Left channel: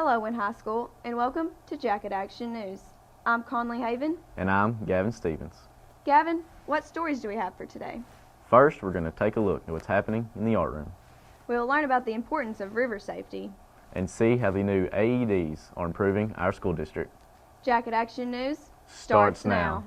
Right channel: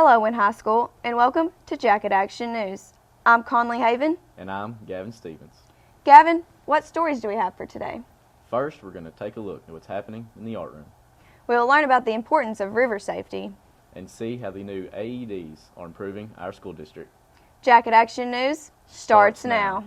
Hello, Wynn High School, and welcome to Jacket Action News. I'm Conley Haven. And I'm Gavin Stevens. Gavin, what stories do we have for today? First, we're going to take a look at what's happening in the art room. We'll learn about the importance of river safety. And see how the new AEDs are improving our school district. Jacket Action News starts now.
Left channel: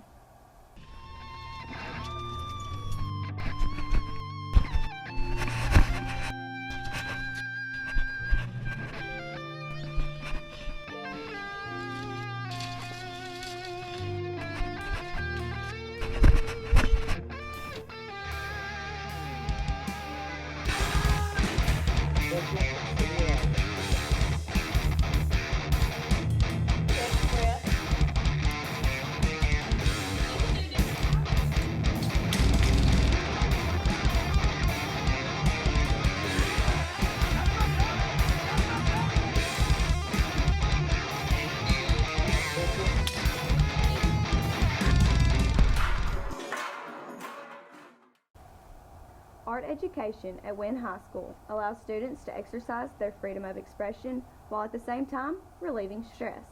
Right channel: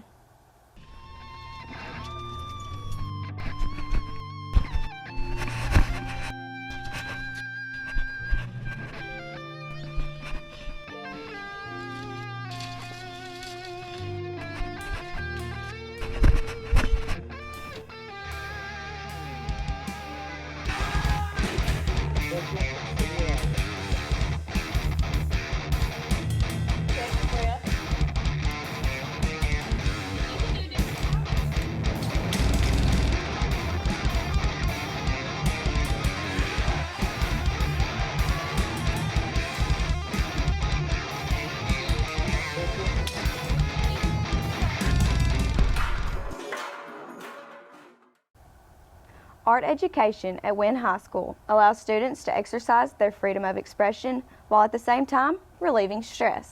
Art education at Wynn High School allows students to exercise their freedom of expression while at the same time relieving stress.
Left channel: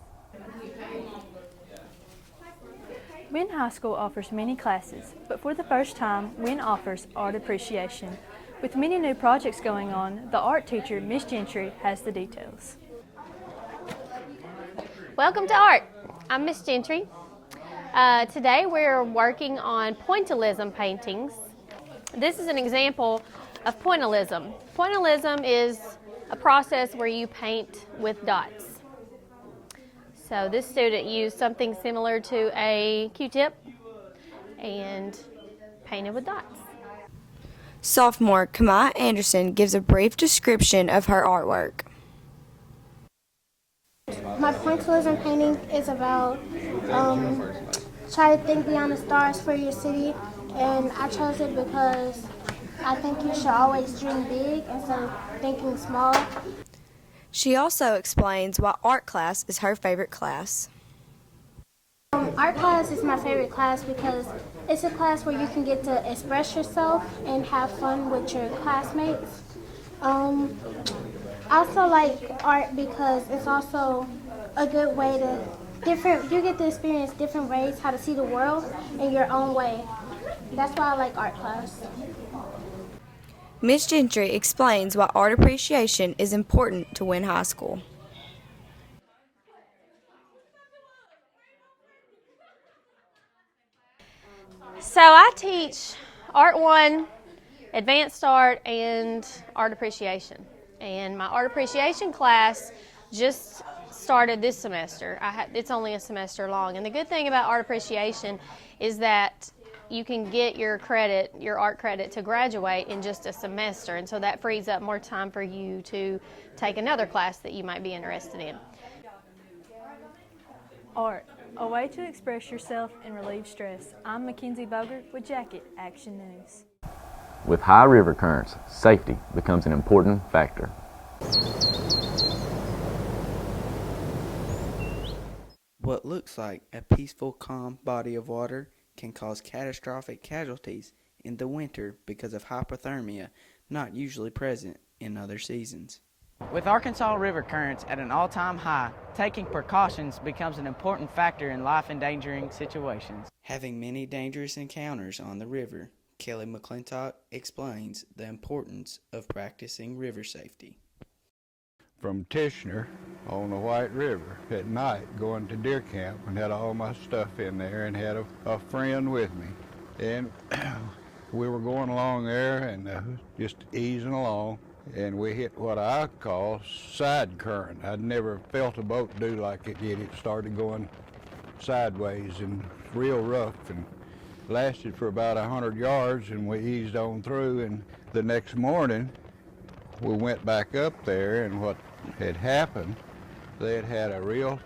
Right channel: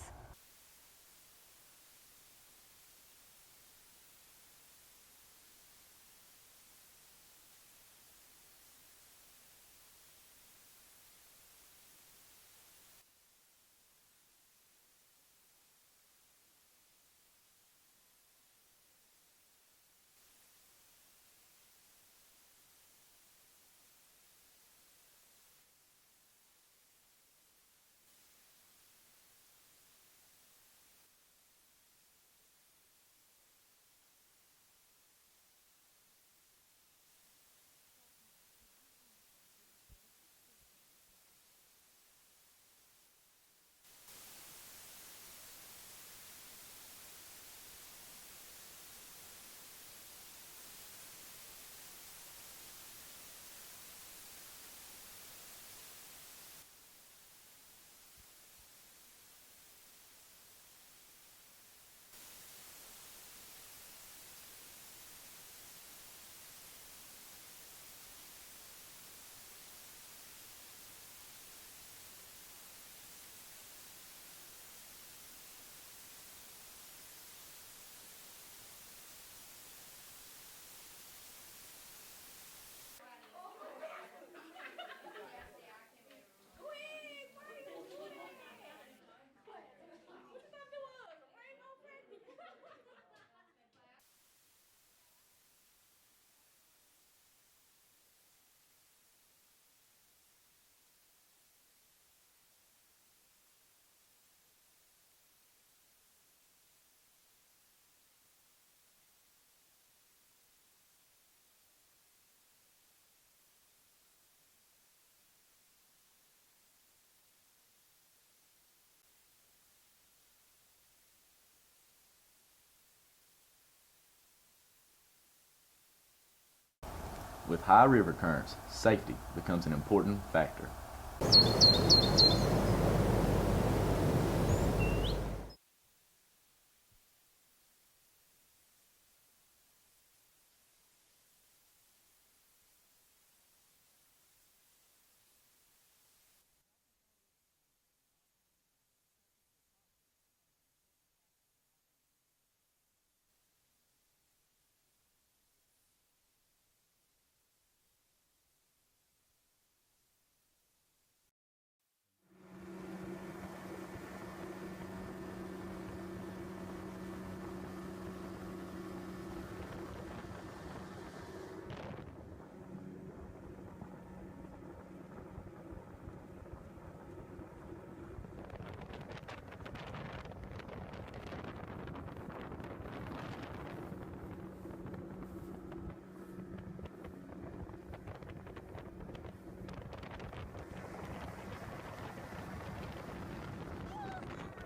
Wynn High School offers many classes, but for the first time, Wynn offers art appreciation. With many new projects going on, the art teacher, Miss Gentry, has the details. Welcome to art. I'm Miss Gentry. Today we're working on pointillism paintings. This is an example of pointillism. Pointillism is a process where you paint with dots. So this student used something similar to a Q-tip and painted with dots. Sophomore Kamai Anderson gives a brief description of her artwork. My pointillism painting is about try to think beyond the stars for your city, and I chose it because I think you should always dream big instead of thinking small. She also explains why art class is her favorite class. Art class is my favorite class because it's a class where you can get to express yourself and have fun with your classmates. I also like art because it's also a good way to you get to experience different ways how to see the world in your own way. That's why I like art class. Miss Gentry explains why art appreciation is important to Wynn High School. So I teach Art 1, Advanced Art, and Art Appreciation. And my Art Appreciation class just started this semester. It's only a semester long. And the good thing about Art Appreciation is that you can get your credit, your art credit, to graduate in just a semester. And so that frees up more time for you to take another class that you might be interested in. Art, a way to express yourself and relieve stress. I'm McKenzie Boger with Jacket Action News. With high river currents, safety becomes an important factor. What looks like a peaceful, calm body of water can cause catastrophic casualties in the winter because of hypothermia, not usually present in other seasons. With Arkansas river currents at an all-time high, taking precautions becomes an important factor in life-endangering situations. Having many dangerous encounters on the river, Kelly McClintock explains the importance of practicing river safety. From Tishner on the White River at night going to deer camp and had all my stuff in there and had a friend with me. And we were going along there and just easing along, and we hit what I call side current. I'd never felt a boat do like it did. It started going sideways and real rough and lasted for about 100 yards, and we eased on through. And the next morning we went back up there, and what had happened, they had had a real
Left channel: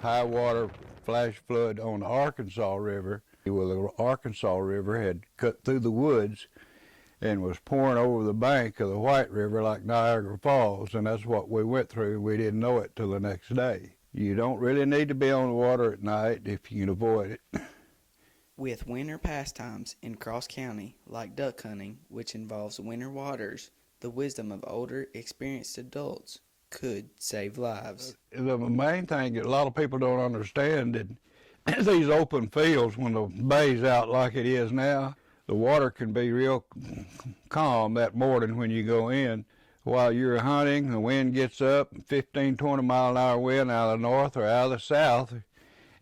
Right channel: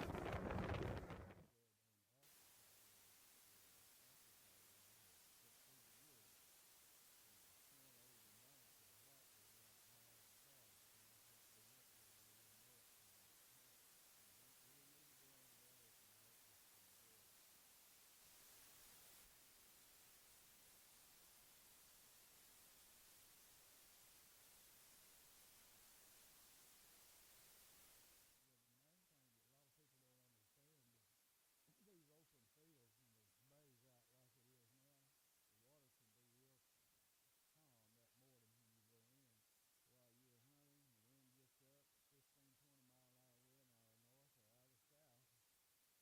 high water flash flood on the Arkansas River. Well, the Arkansas River had cut through the woods and was pouring over the bank of the White River like Niagara Falls, and that's what we went through. We didn't know it till the next day. You don't really need to be on the water at night if you can avoid it. With winter pastimes in Cross County, like duck hunting, which involves winter waters, the wisdom of older, experienced adults could save lives. The main thing that a lot of people don't understand that these open fields, when the bay's out like it is now, the water can be real calm that morning when you go in. While you're hunting, the wind gets up, 15, 20 mile an hour wind out of the north or out of the south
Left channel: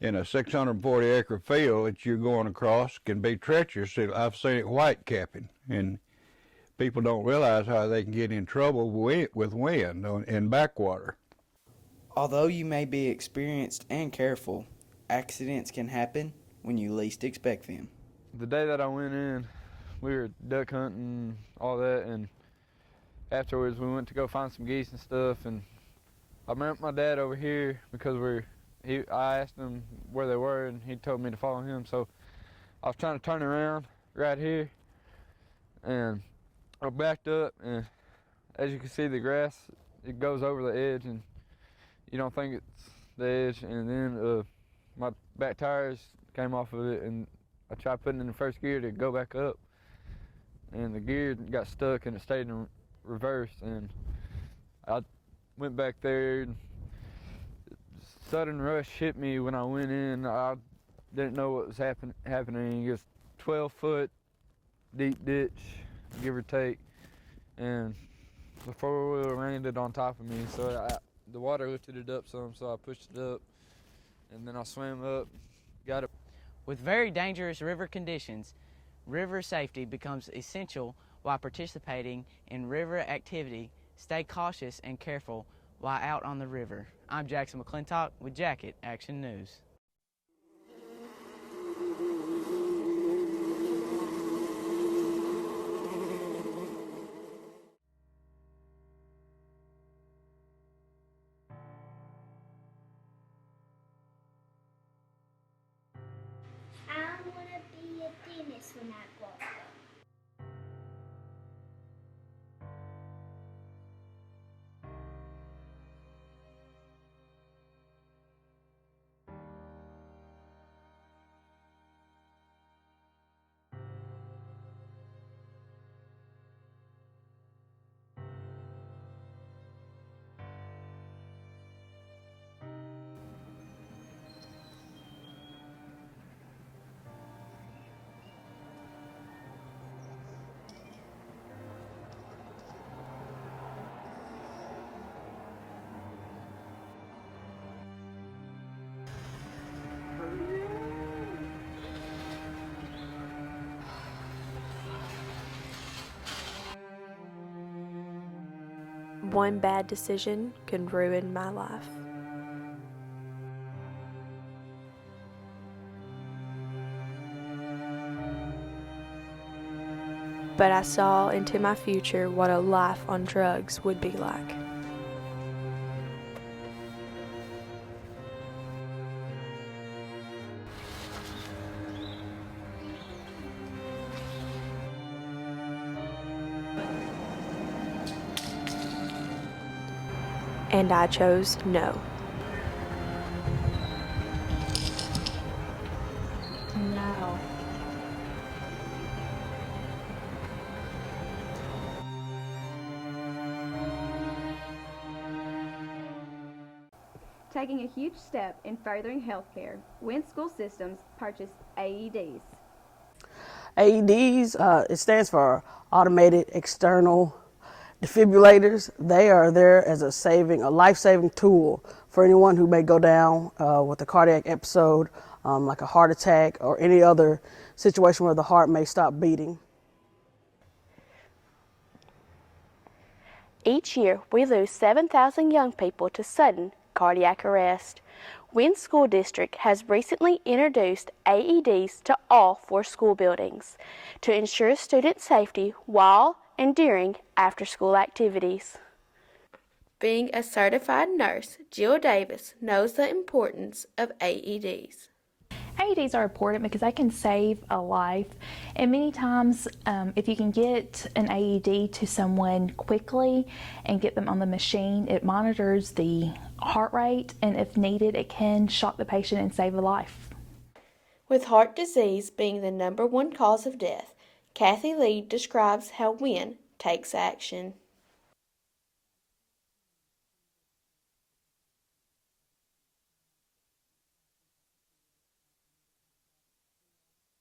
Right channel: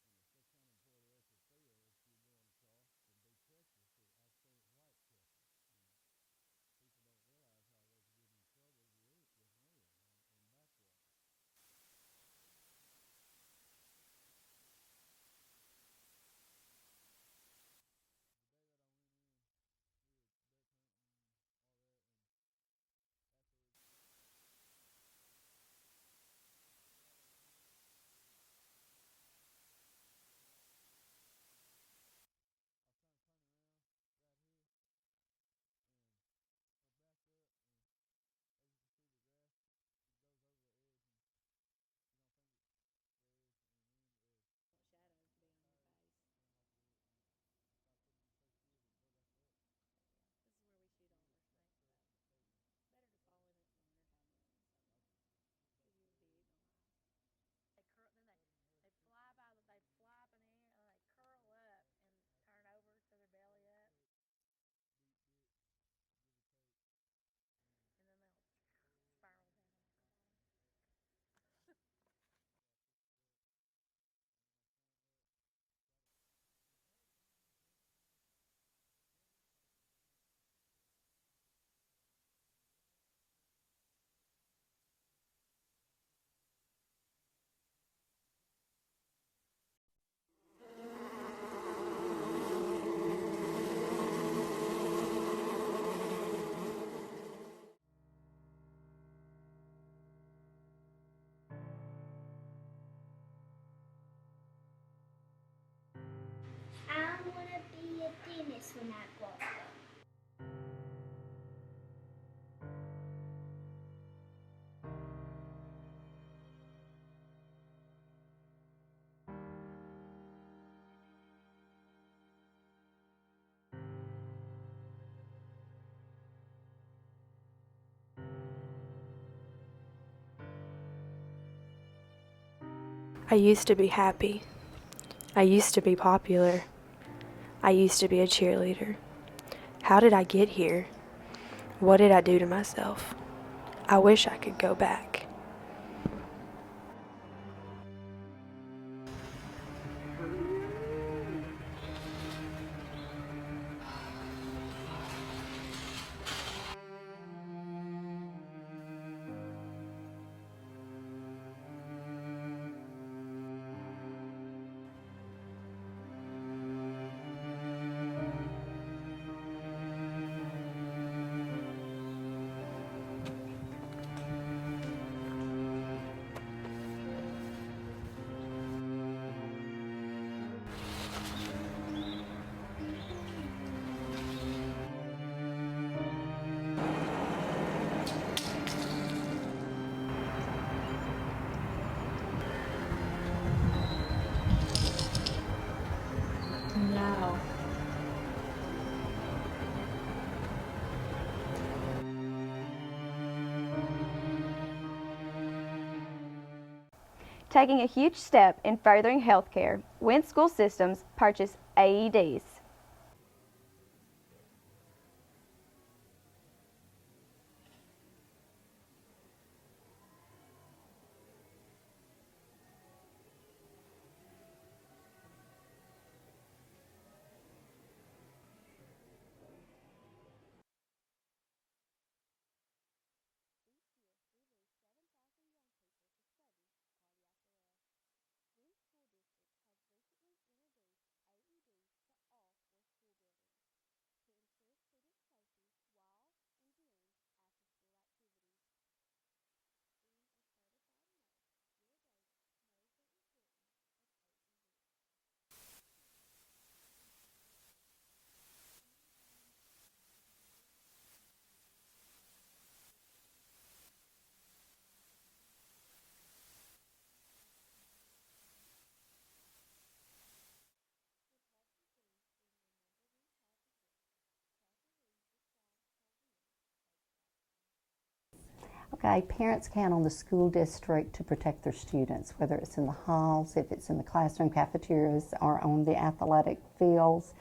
in a 640-acre field that you're going across can be treacherous. I've seen it white capping, and people don't realize how they can get in trouble with wind in backwater. Although you may be experienced and careful, accidents can happen when you least expect them. The day that I went in, we were duck hunting, all that, and afterwards we went to go find some geese and stuff, and I met my dad over here because I asked him where they were, and he told me to follow him, so I was trying to turn around right here, and I backed up, and as you can see, the grass, it goes over the edge, and you don't think it's the edge, and then my back tires came off of it, and I tried putting it in first gear to go back up, and the gear got stuck, and it stayed in reverse, and I went back there, and sudden rush hit me when I went in. I didn't know what was happening. It was 12-foot deep ditch, give or take, and the four-wheeler landed on top of me, so the water lifted it up some, so I pushed it up, and then I swam up, got it. With very dangerous river conditions, river safety becomes essential while participating in river activity. Stay cautious and careful while out on the river. I'm Jackson McClintock with Jacket Action News. I want to be a dentist when I grow up. I used to be happy. I used to be popular. I used to be a cheerleader. How did I get here? What did I do to myself? I wish I could go back. One bad decision could ruin my life. But I saw into my future what a life on drugs would be like. And I chose no. No. Taking a huge step in furthering healthcare, Wentz School Systems purchased AEDs. AEDs, it stands for Automated External Defibrillators. They are there as a life-saving tool for anyone who may go down with a cardiac episode, like a heart attack or any other situation where the heart may stop beating. Each year, we lose 7,000 young people to sudden cardiac arrest. Wentz School District has recently introduced AEDs to all 4 school buildings to ensure student safety while and during after-school activities. Being a certified nurse, Jill Davis knows the importance of AEDs. AEDs are important because they can save a life, and many times if you can get an AED to someone quickly and get them on the machine, it monitors the heart rate, and if needed, it can shock the patient and save a life. With heart disease being the #1 cause of death, Kathy Lee describes how WIN takes action. Okay, parents count on the school district to protect their students, whether it's in the halls, if it's in the classroom cafeterias, or on the athletic fields.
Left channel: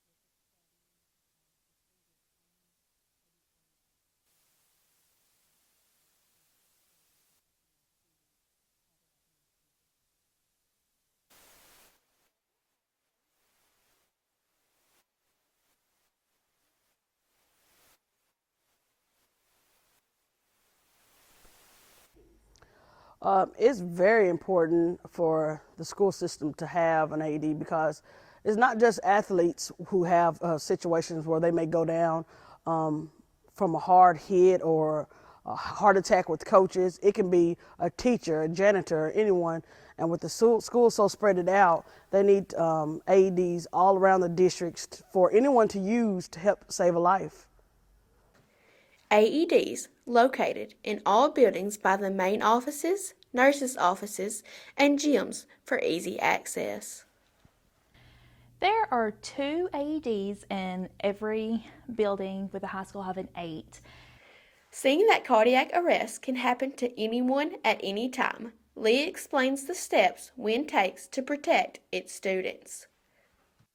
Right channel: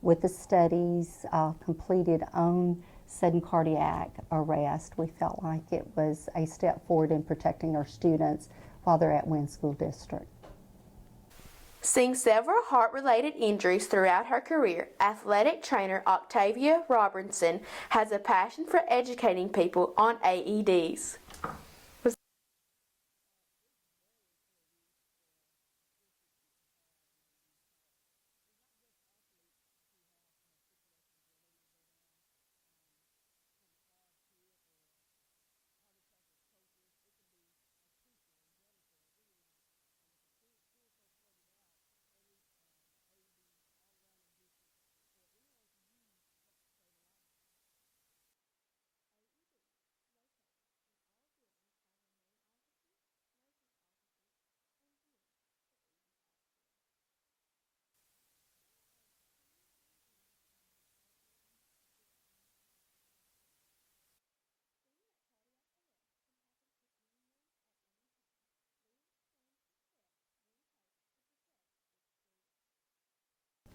With the studies completed on sudden cardiac arrest, we felt like it was a step forward in protecting our students while they're at Wynn School District. Seeing several heart-related injuries throughout her career, athletic trainer Octavia Robertson has a passion for educating people on AEDs. It's very important for the school system to have an AED because it's not just athletes who have situations where they may go down from a hard hit or a heart attack with coaches. It can be a teacher, a janitor, anyone. And with the school so spread it out, they need AEDs all around the districts for anyone to use to help save a life. AEDs located in all buildings by the main offices, nurses' offices, and gyms for easy access. There are 2 AEDs in every building, with the high school having 8. Seeing that cardiac arrest can happen to anyone at any time, Lee explains the steps Wynn takes to protect its students.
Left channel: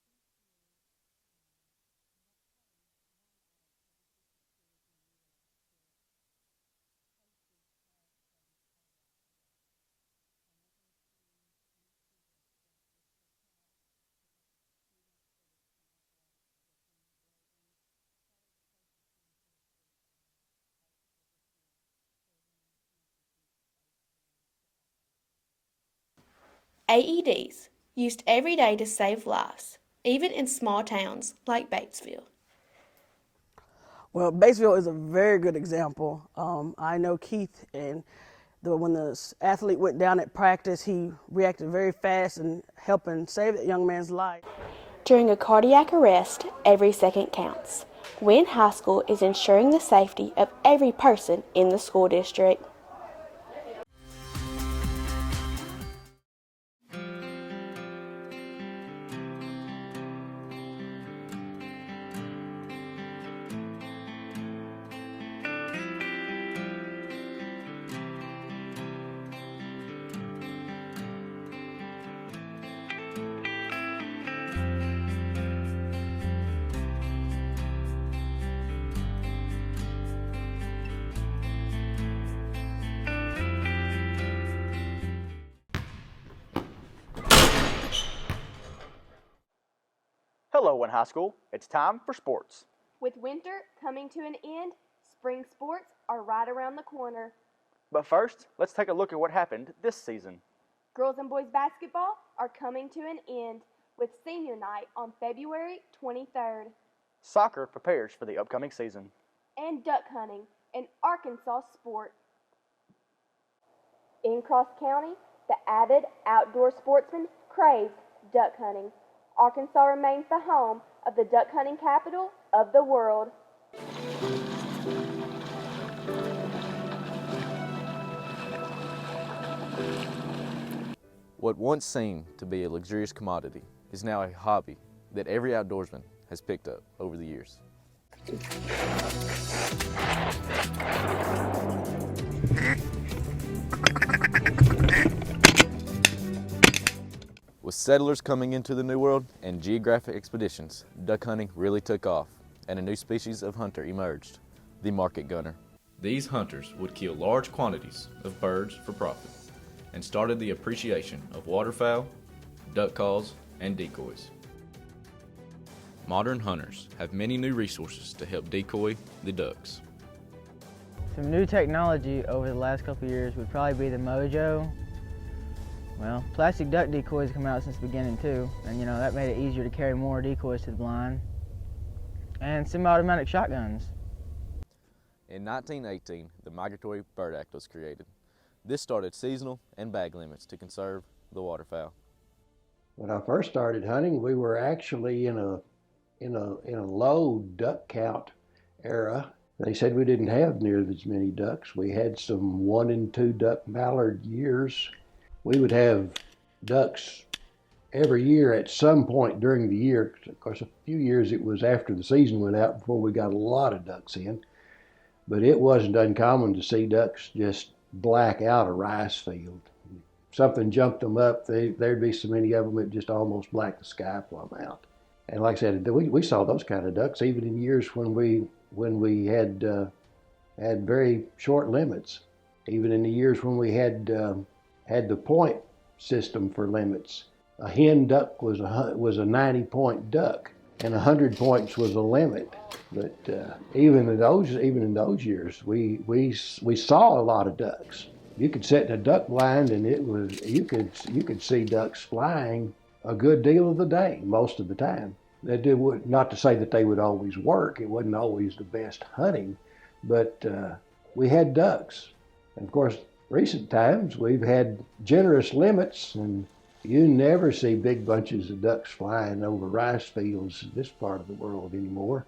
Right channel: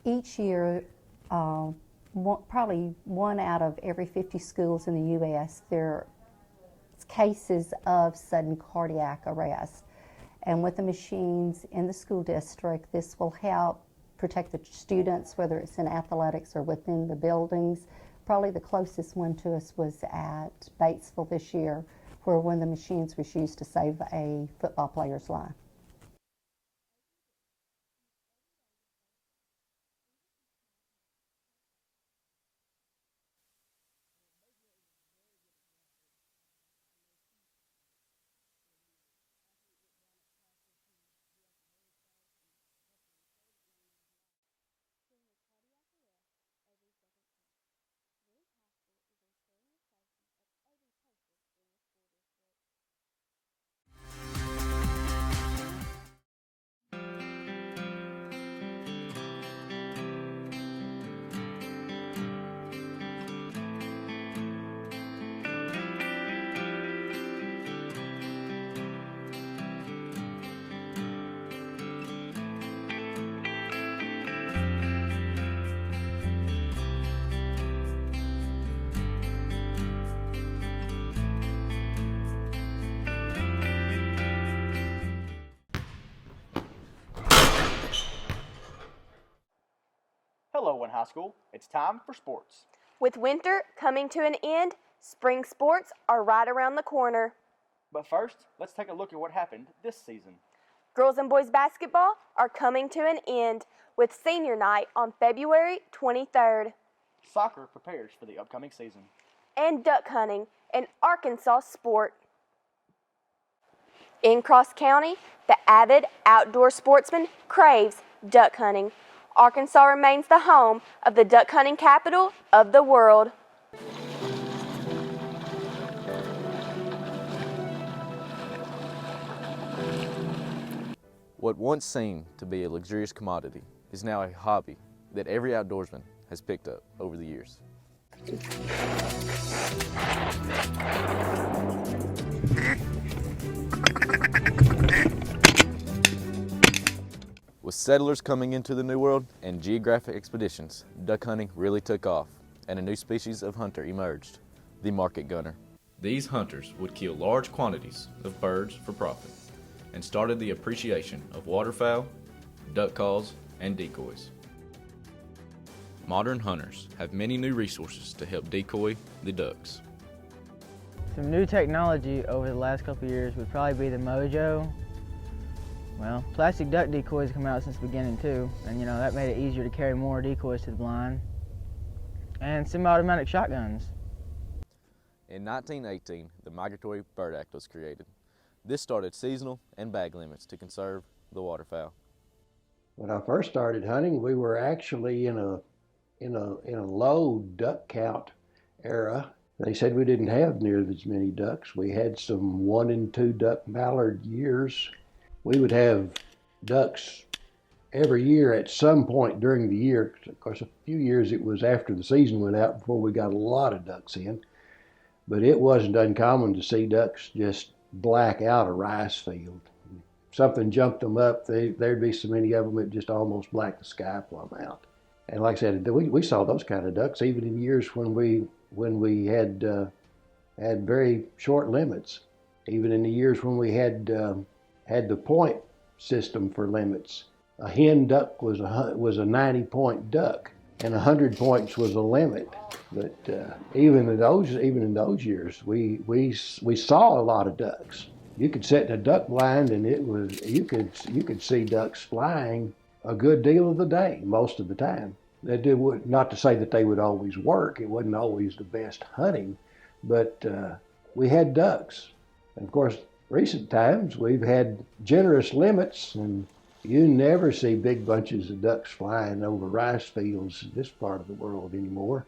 Each year, probably 1 out of every 50 schools in the U.S., there are cases of sudden cardiac arrest. And with the machines in the school district, this will help protect the students, whether it's in athletics or within the buildings. Probably the closest one to us was at Batesville this year, where one of the machines was used to save a football player's life. AEDs, used every day to save lives, even in small towns like Batesville. Well, Batesville is a very good example. I know Keith, and when the athlete went down at practice, he reacted very fast in helping save that young man's life. During a cardiac arrest, every second counts. Wynn High School is ensuring the safety of every person in the school district. Hello, Wynn High School. It's time for sports. With winter coming to an end, spring sports are right around the corner. But first, let's take a look at what happened this season. Girls and boys basketball are coming to an end with senior night on February 23rd. Soccer prepares for the upcoming season. And duck hunting, an Arkansas sport. In Cross County, the avid outdoor sportsman craves duck hunting. Arkansas remains the home of the duck hunting capital of the world. What once seemed to be a luxurious commodity is now a hobby that every outdoorsman has picked up over the years. With settlers coming into the New World and geographic expeditions, duck hunting really took off, and a new species of hunter emerged, the market gunner. These hunters would kill large quantities of birds for profit, and started the appreciation of waterfowl, duck calls, and decoys. Modern hunters have many new resources to help decoy the ducks. Some new technology over the last couple of years would probably be the Mojo. Well, plastic duck decoys come out since the beginning too, and that made it easier to carry more decoys to the blind. And semi-automatic shotguns. In 1918, the Migratory Bird Act was created. This started seasonal and bag limits to conserve the waterfowl. When I first started hunting, we were actually in a low duck count era. They said we didn't have near as many ducks. We had some 1 and 2 duck mallard years. We would have ducks every year at some point during the year. Of course, a few years it was after the season went out before we got a lot of ducks in. but it wasn't uncommon to see ducks just black out a rice field. Something jumped them up, there'd be so many of them it just almost blacked the sky plumb out. And like I said, we saw those kind of ducks even in years when we had very short limits. Even in the years when we had the point system for limits, a hen duck was a 90-point duck, and 100 points was a limit. But even in those years, we saw a lot of ducks. You could sit in a duck blind, and you could see ducks flying a good deal of the day, most of the time. Not to say that they would always work. It wasn't always the best hunting, but we had ducks. And of course, recent times we've had generous limits, and you never see big bunches of ducks flying over rice fields in this part of the world anymore.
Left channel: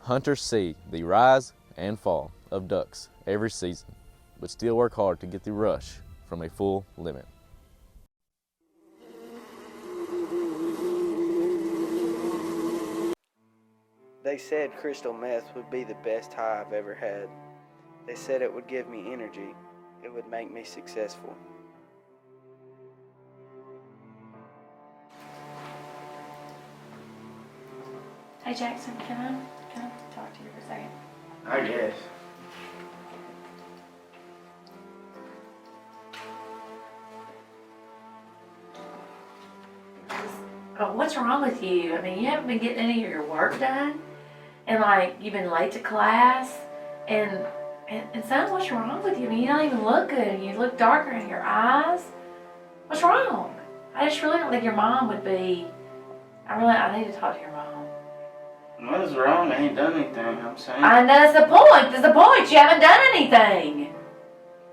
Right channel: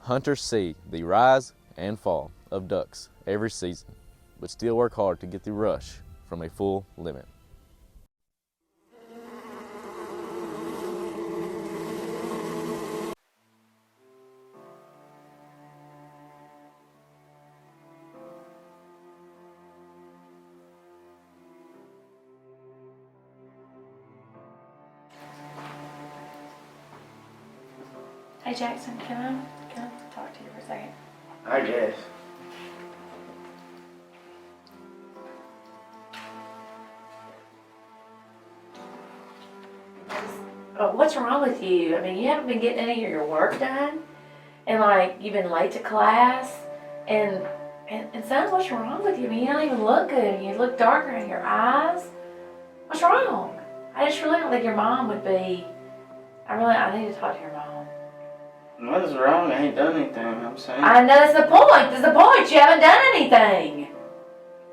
Hunters see the rise and fall of ducks every season, but still work hard to get the rush from a full limit. They said crystal meth would be the best high I've ever had. They said it would give me energy. It would make me successful. Hey Jackson, can I talk to you for a second? I guess. Oh, what's wrong with you? I mean, you haven't been getting any of your work done, and like you've been late to class, and son, what's wrong with you? I mean, you don't even look good. You look darker in your eyes. What's wrong? I just really don't think your mom would be. I need to talk to your mom. What is wrong? I ain't done anything, I'm saying. I know that's the point. That's the point. You haven't done anything.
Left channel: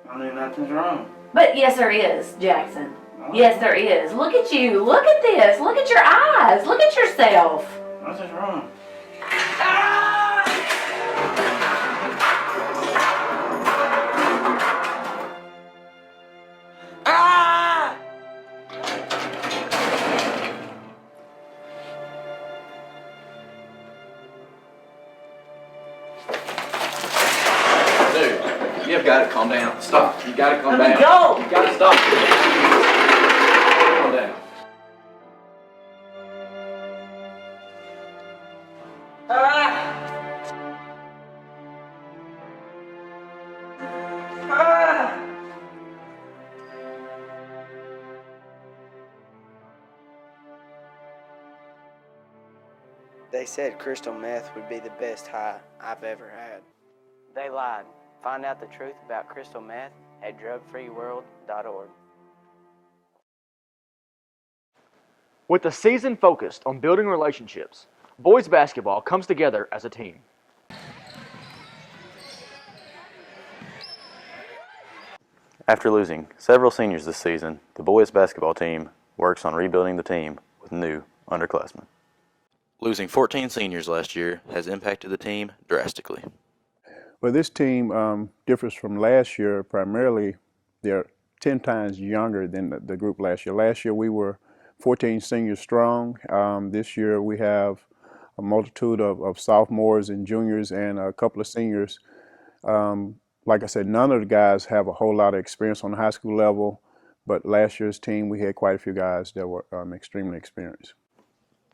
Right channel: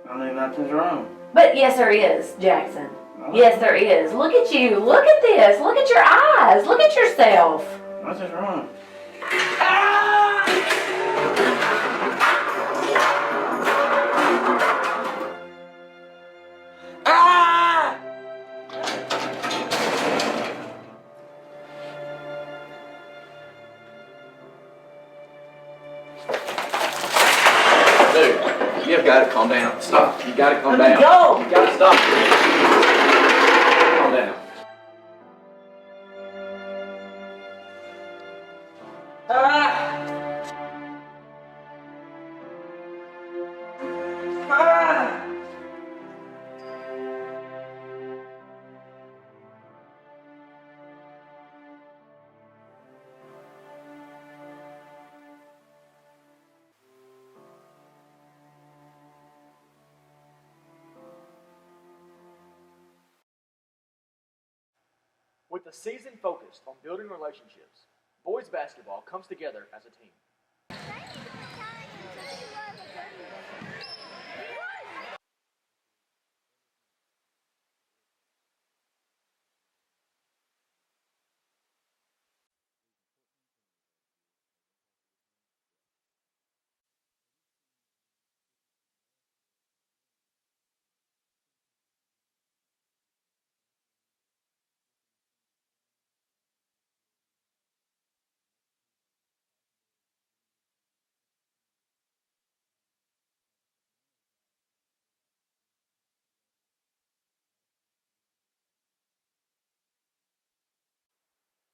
I mean, nothing's wrong. But yes, there is, Jackson. Yes, there is. Look at you. Look at this. Look at your eyes. Look at yourself. Nothing's wrong. Dude, you've got to calm down. Stop. You got to calm Let me down. go. You got to stop. Calm down. They said crystal meth would be the best high I've ever had. They lied. Find out the truth about crystal meth at drugfreeworld.org. With the season focused on building relationships, boys basketball comes together as a team. After losing several seniors this season, the boys basketball team works on rebuilding the team with new underclassmen. Losing 14 seniors last year has impacted the team drastically. Well, this team differs from last year. Primarily, they're 10 times younger than the group last year. Last year, we were 14 seniors strong. This year, we have a multitude of sophomores and juniors and a couple of seniors. Like I said, none of the guys have a whole lot of experience on the high school level, but last year's team, we had quite a few guys that were extremely experienced.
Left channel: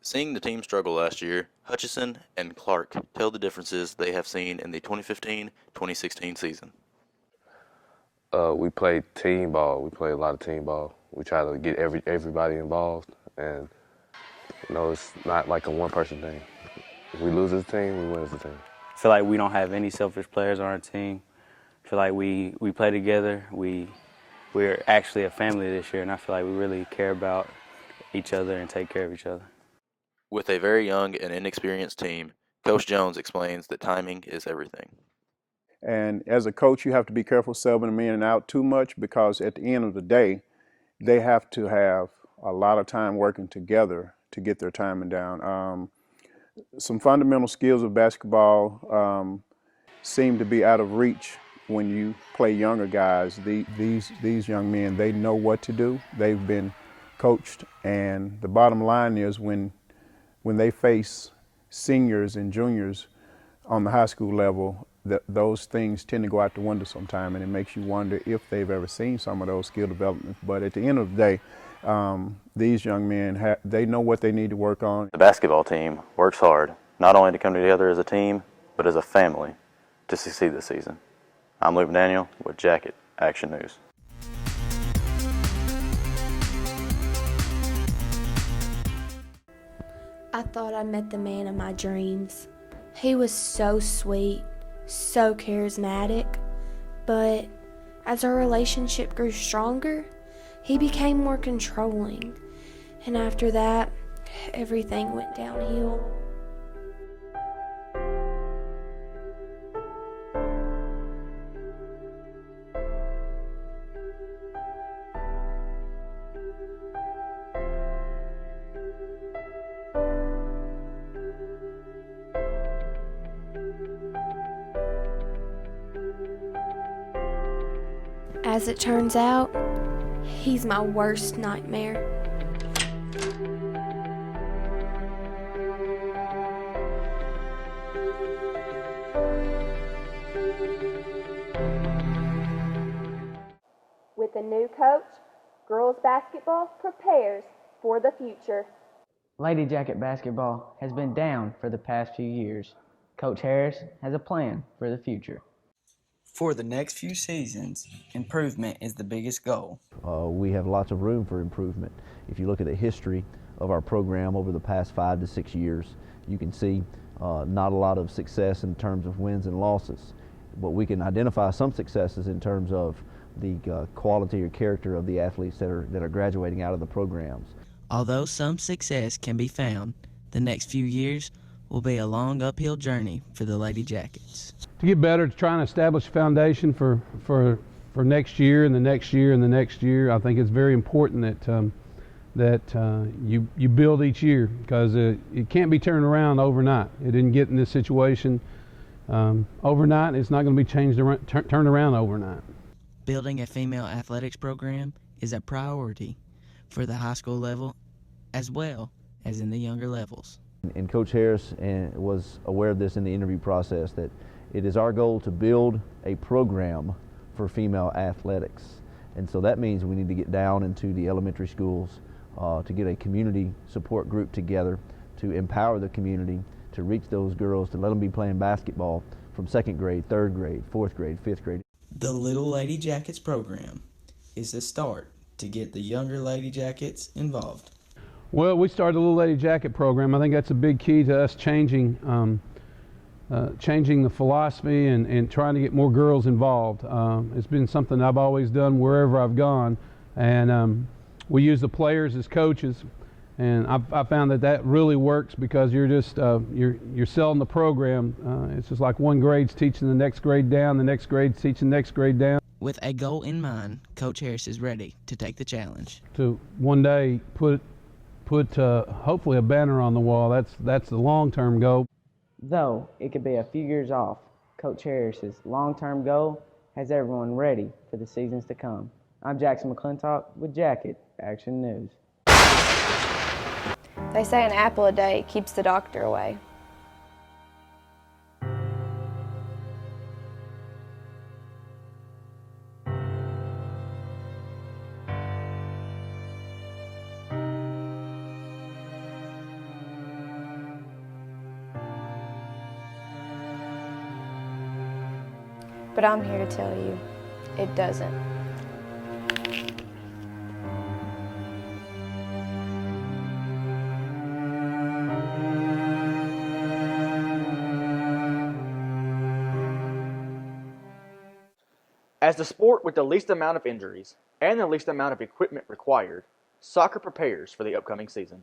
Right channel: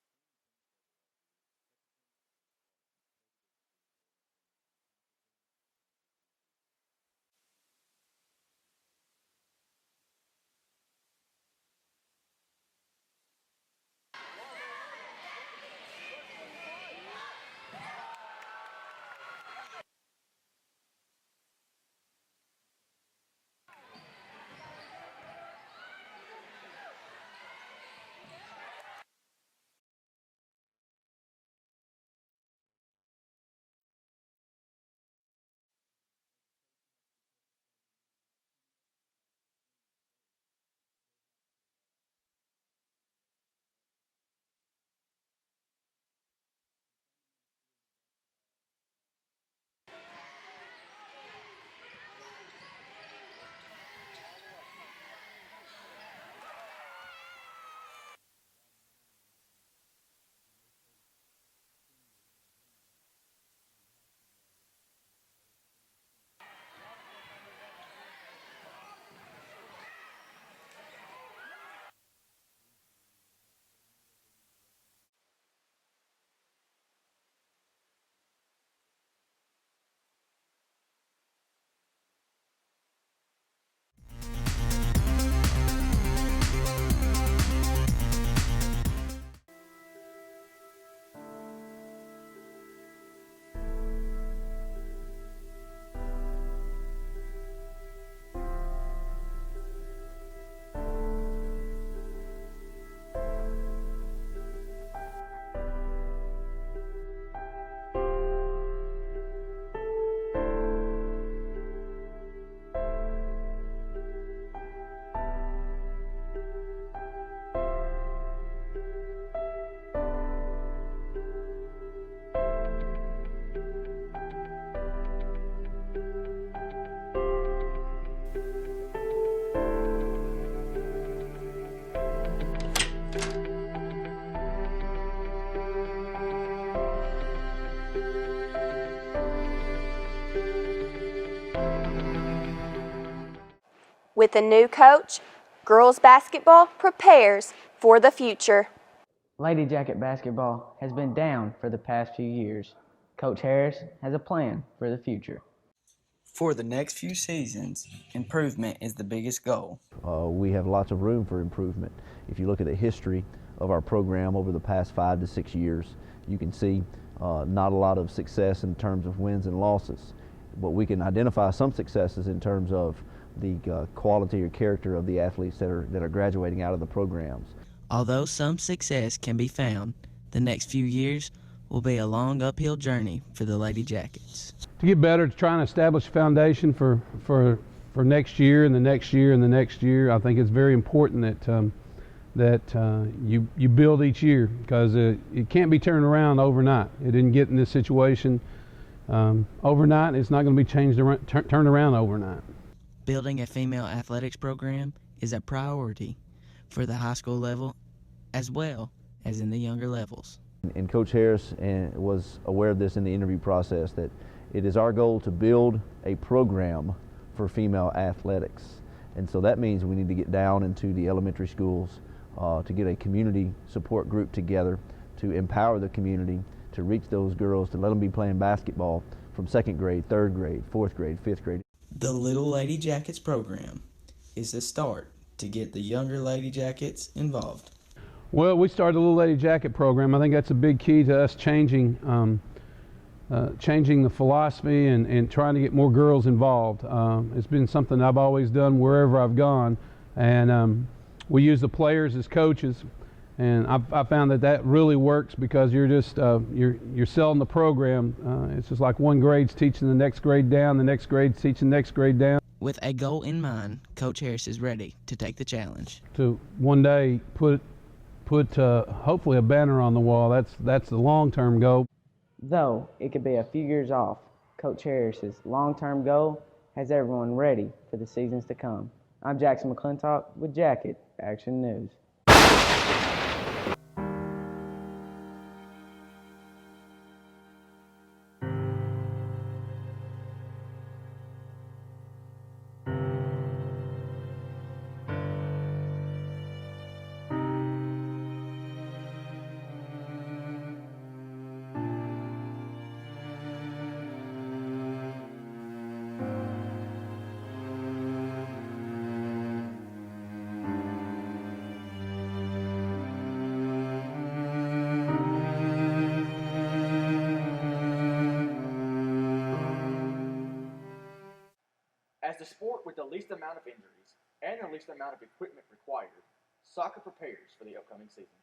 Seeing the team struggle last year, Hutchison and Clark tell the differences they have seen in the 2015-2016 season. We play team ball. We play a lot of team ball. We try to get everybody involved, and it's not like a one-person thing. If we lose as a team, we win as a team. I feel like we don't have any selfish players on our team. I feel like we play together. We're actually a family this year, and I feel like we really care about each other and take care of each other. With a very young and inexperienced team, Coach Jones explains that timing is everything. And as a coach, you have to be careful subbing them in and out too much, because at the end of the day, they have to have a lot of time working together to get their timing down. Some fundamental skills of basketball seem to be out of reach when you play younger guys. These young men, they know what to do. They've been coached, and the bottom line is when they face seniors and juniors on the high school level, those things tend to go out the window sometime, and it makes you wonder if they've ever seen some of those skill developments. But at the end of the day, these young men, they know what they need to work on. The basketball team works hard, not only to come together as a team, but as a family to succeed this season. I'm Luke Daniel with Jacket Action News. I thought I met the man of my dreams. He was so sweet, so charismatic, but as our relationship grew stronger, he became more controlling, and after that, everything went downhill. As it turns out, he's my worst nightmare. With a new coach, girls basketball prepares for the future. Lady Jacket basketball has been down for the past few years. Coach Harris has a plan for the future. For the next few seasons, improvement is the biggest goal. We have lots of room for improvement. If you look at the history of our program over the past 5 to 6 years, you can see not a lot of success in terms of wins and losses, but we can identify some successes in terms of the quality or character of the athletes that are graduating out of the programs. Although some success can be found, the next few years will be a long uphill journey for the Lady Jackets. To get better, to try and establish a foundation for next year and the next year and the next year, I think it's very important that you build each year, because it can't be turned around overnight. It didn't get in this situation overnight. It's not going to be turned around overnight. Building a female athletics program is a priority for the high school level as well as in the younger levels. And Coach Harris was aware of this in the interview process, that it is our goal to build a program for female athletics. And so that means we need to get down into the elementary schools to get a community support group together to empower the community, to reach those girls, to let them be playing basketball from 2nd grade, 3rd grade, 4th grade, 5th grade. The Little Lady Jackets program is the start to get the younger Lady Jackets involved. Well, we started the Little Lady Jacket program. I think that's a big key to us changing the philosophy and trying to get more girls involved. It's been something I've always done wherever I've gone, and we use the players as coaches, and I found that really works, because you're just you're selling the program. It's just like one grade's teaching the next grade down, the next grade's teaching the next grade down. With a goal in mind, Coach Harris is ready to take the challenge. To one day put hopefully a banner on the wall. That's the long-term goal. Though it could be a few years off, Coach Harris's long-term goal has everyone ready for the seasons to come. I'm Jackson McClintock with Jacket Action News. They say an apple a day keeps the doctor away. But I'm here to tell you, it doesn't. As the sport with the least amount of injuries and the least amount of equipment required, soccer prepares for the upcoming season.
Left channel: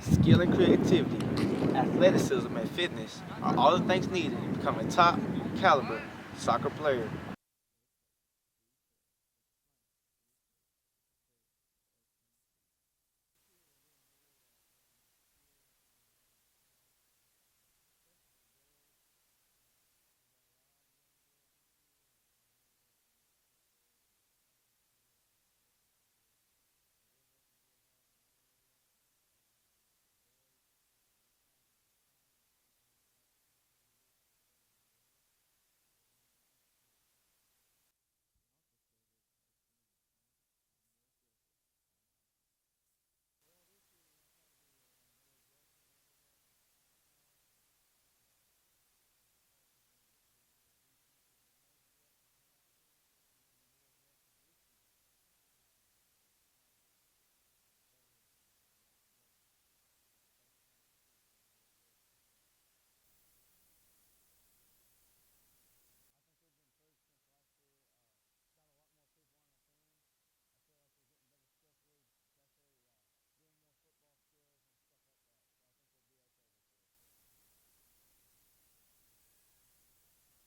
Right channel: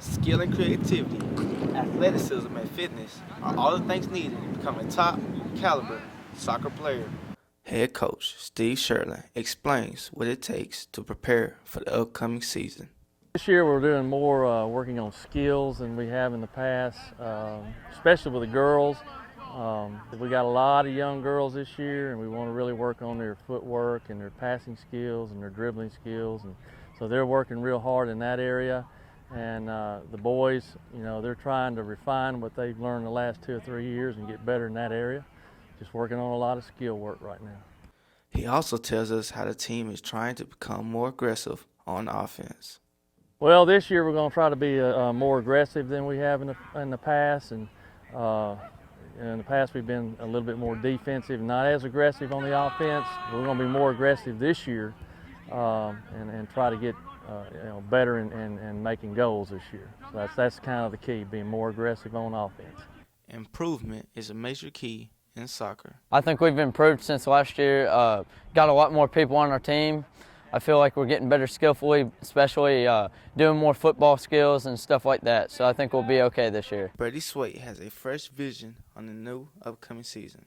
Skill and creativity, athleticism and fitness are all the things needed to become a top caliber soccer player. Head coach Steve Sherlin explains what it takes to prepare for the upcoming season. This year we're doing more working on skills than we have in the past, especially with the girls. We got a lot of young girls this year, and we want to really work on their footwork and their passing skills and their dribbling skills, and so they're working real hard in that area. And the boys, they're trying to refine what they've learned the last 2 or 3 years and get better in that area. just working on a lot of skill work right now. He also tells us how the team is trying to become more aggressive on offense. Well, this year we're going to try to be more aggressive than we have in the past, and in the past we've been a little bit more defensive, not as aggressive on the offense. We're going to be more aggressive this year and try to get better and making goals this year. So that's kind of the key, being more aggressive on offense. Improvement is a major key in soccer. I think we've improved since last year. Got a lot more people on our team. I feel like we're getting better skillfully, especially doing more football skills and stuff like that. So I think we'll be okay this year. Brady Swait has a fresh vision on the new upcoming season.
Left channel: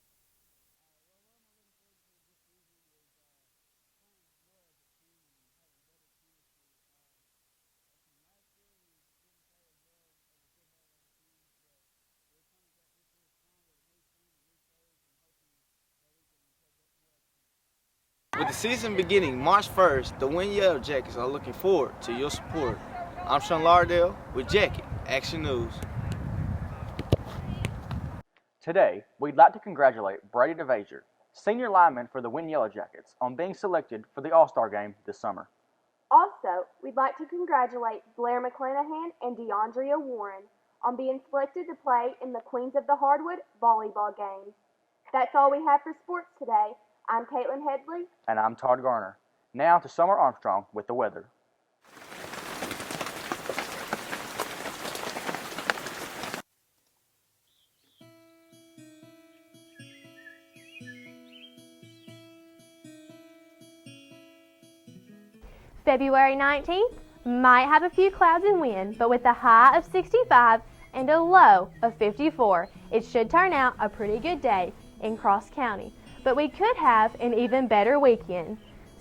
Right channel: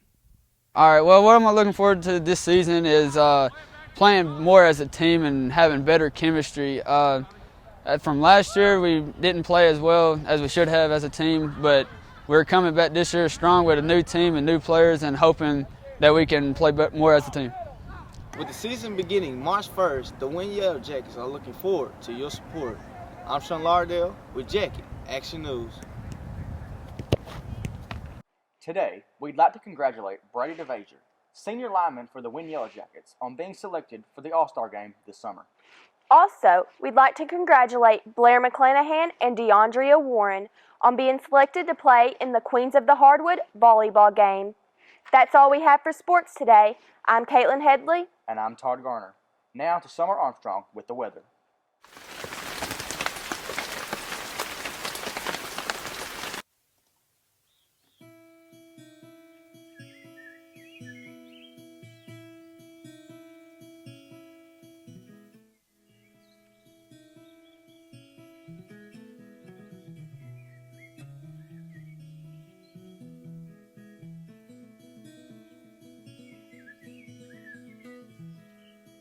All right, well, what I'm looking forward to this season is playing more as a team and having better chemistry. From last year, we didn't play as well as we should have as a team, but we're coming back this year strong with a new team and new players and hoping that we can play more as a team. With the season beginning March 1st, the Win Yellow Jackets are looking forward to your support. I'm Sean Lardell with Jacket Action News. Today, we'd like to congratulate Brady DeVager, senior lineman for the Win Yellow Jackets, on being selected for the All-Star Game this summer. Also, we'd like to congratulate Blair McClanahan and DeAndrea Warren on being selected to play in the Queens of the Hardwood volleyball game. That's all we have for sports today. I'm Caitlin Headley. And I'm Todd Garner. Now to Summer Armstrong with the weather. February 19th might have a few clouds and wind, but with a high of 65 and a low of 54, it should turn out a pretty good day in Cross County. But we could have an even better weekend.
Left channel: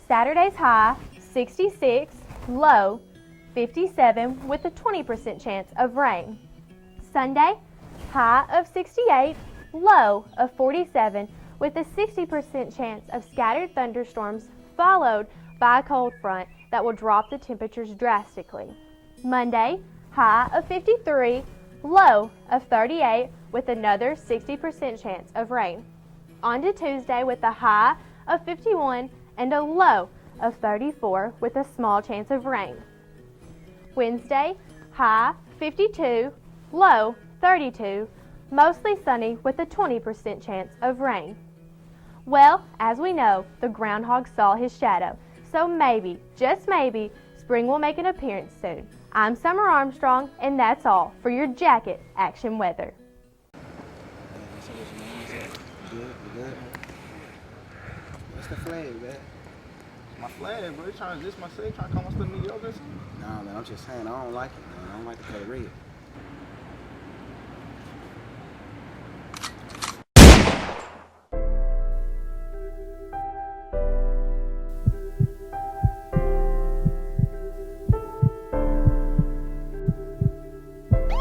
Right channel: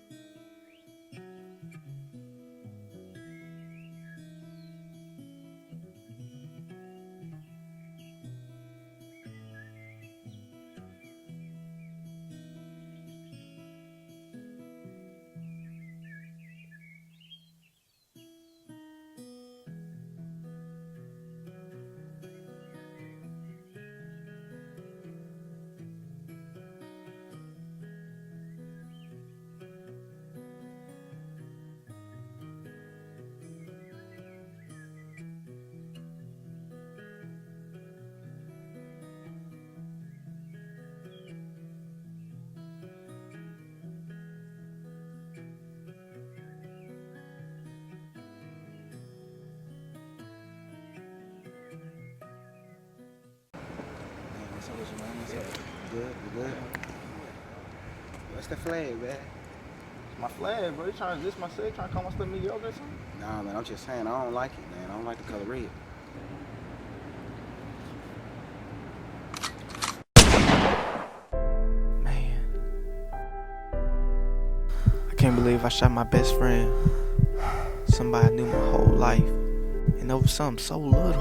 Saturday's high, 66, low, 57 with a 20% chance of rain. Sunday, high of 68, low of 47 with a 60% chance of scattered thunderstorms followed by a cold front that will drop the temperatures drastically. Monday, high of 53, low of 38 with another 60% chance of rain. On to Tuesday with a high of 51 and a low of 34 with a small chance of rain. Wednesday, high 52, low 32, mostly sunny with a 20% chance of rain. Well, as we know, the groundhog saw his shadow, so maybe, just maybe, spring will make an appearance soon. I'm Summer Armstrong, and that's all for your Jacket Action Weather. Good. What's the flag, man? It's my flag, bro. You trying to diss my city, trying to call my stuff mediocre or something? Nah, man, I'm just saying, I don't like it, man. I don't like the color red. I can't believe I shot my best friend. Somebody I knew my whole life. And over something so little.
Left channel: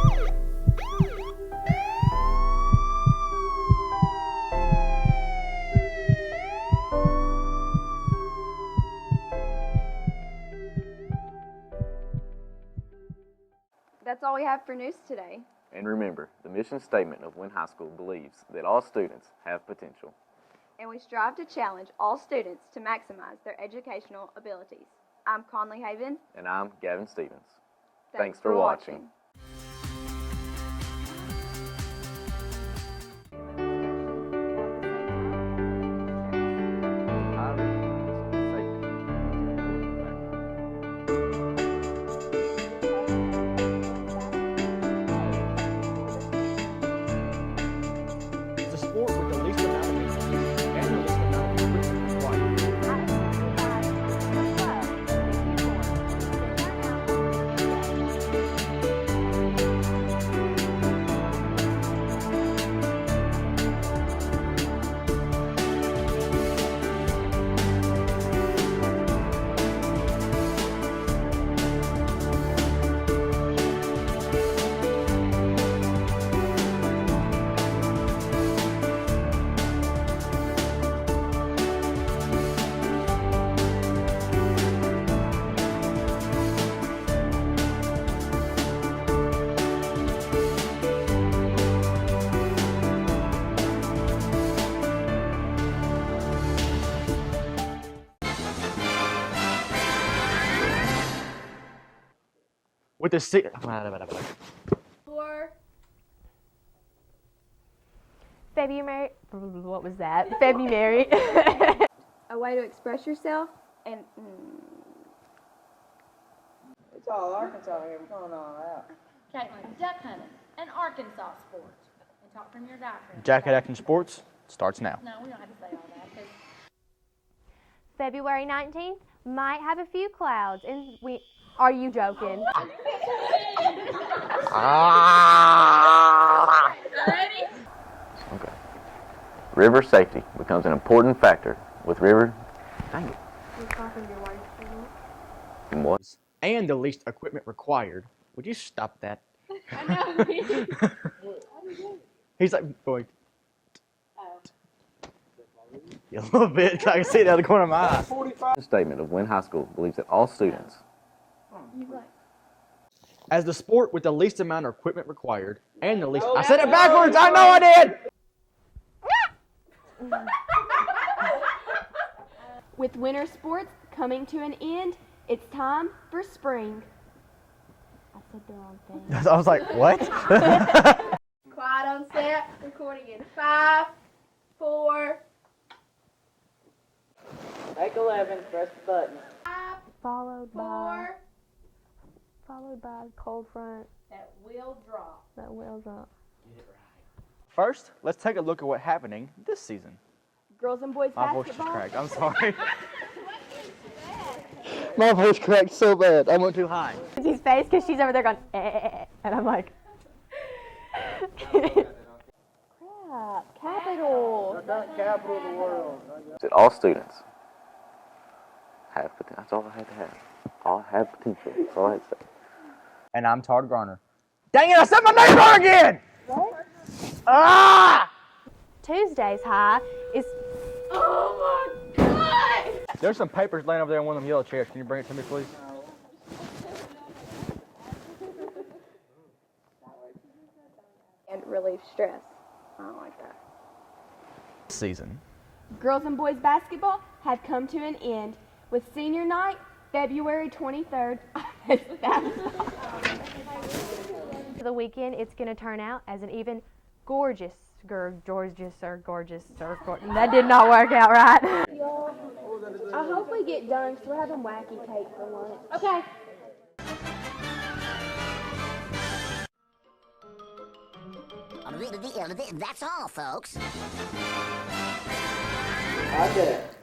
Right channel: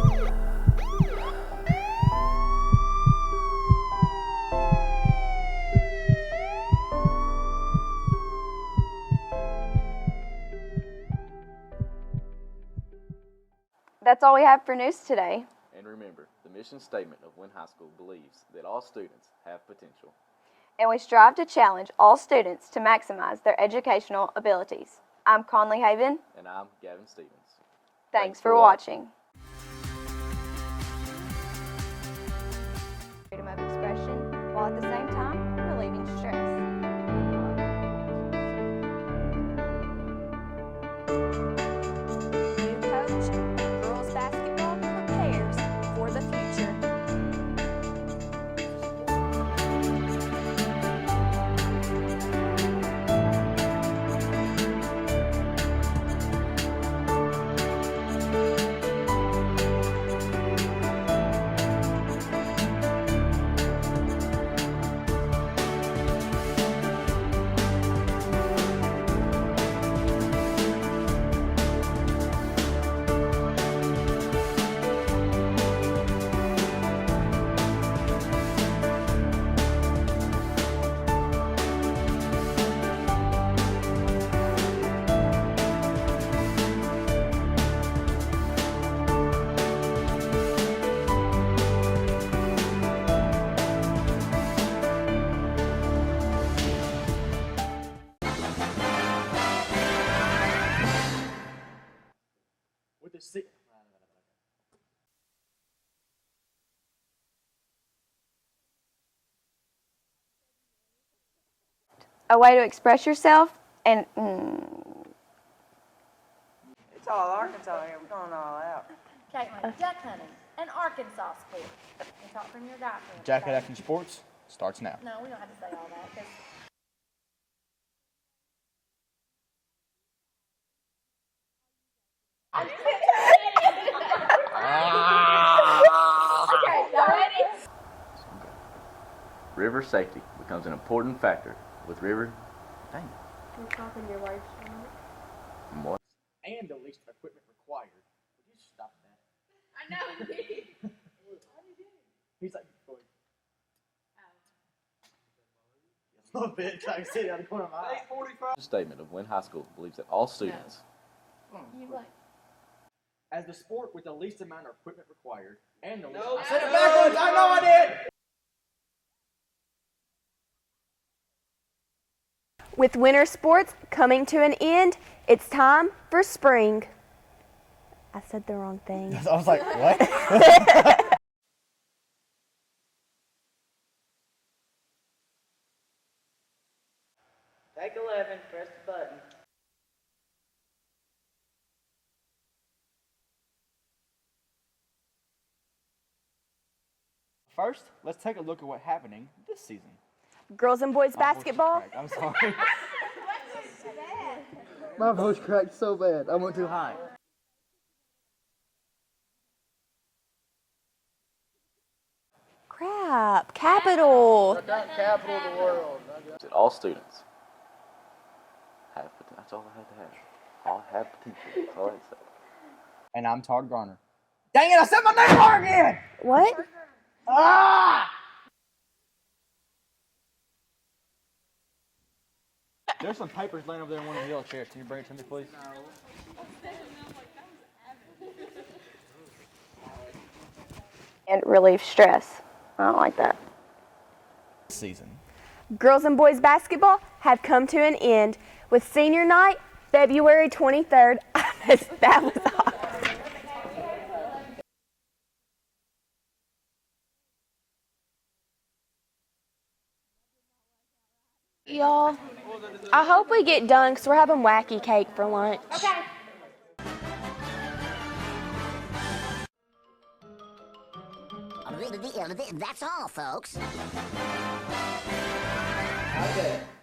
That's all we have for news today. And remember, the mission statement of Wynn High School believes that all students have potential. And we strive to challenge all students to maximize their educational abilities. I'm Conley Haven. And I'm Gavin Stevens. Thanks for watching. with the February. What was that? February. A way to express yourself and It's all Arkansas here. We're going all out. Caitlin, duck hunting, an Arkansas sport. And talk from your diaphragm. Jacket Acting Sports starts now. No, we don't have to say all that. Cause February 19th might have a few clouds, and we. Are you joking? Okay. River safety becomes an important factor with river. Dang it. You're coughing your words, What? And the least equipment required. Would you stop that? I know. He's like going. A little bit. I can see it out of the corner of my eye. A statement of Wynn High School believes that all students. As the sport with the least amount of equipment required and the least. I said it backwards. I know I did. With winter sports coming to an end, it's time for spring. I said the wrong thing. I was like, what? Quiet on set. Recording in 5, 4. take 11, press the button. Followed by cold front. That will drop. That will drop. First, let's take a look at what's happening this season. Girls and boys My voice is basketball. cracked. I'm sorry. My voice cracked so bad. I went too high. His face, because she's over there going, and I'm like. Crap, capital. That all students have potential. That's all I had to have. All have potential. That's all I had to say. And I'm Todd Garner. Dang it, I said my name wrong again! What? Ah! Tuesday's high is. Oh my God! There's some papers laying over there in one of them yellow chairs. Can you bring it to me, please? and relieve stress. I don't like that. Season. Girls and boys basketball have come to an end with senior night, February 23rd. That was awesome. For the weekend, it's going to turn out as an even gorgeous. That did not work out right. Y'all, I hope we get done because we're having wacky cake for lunch. Okay. That's all, folks. Okay.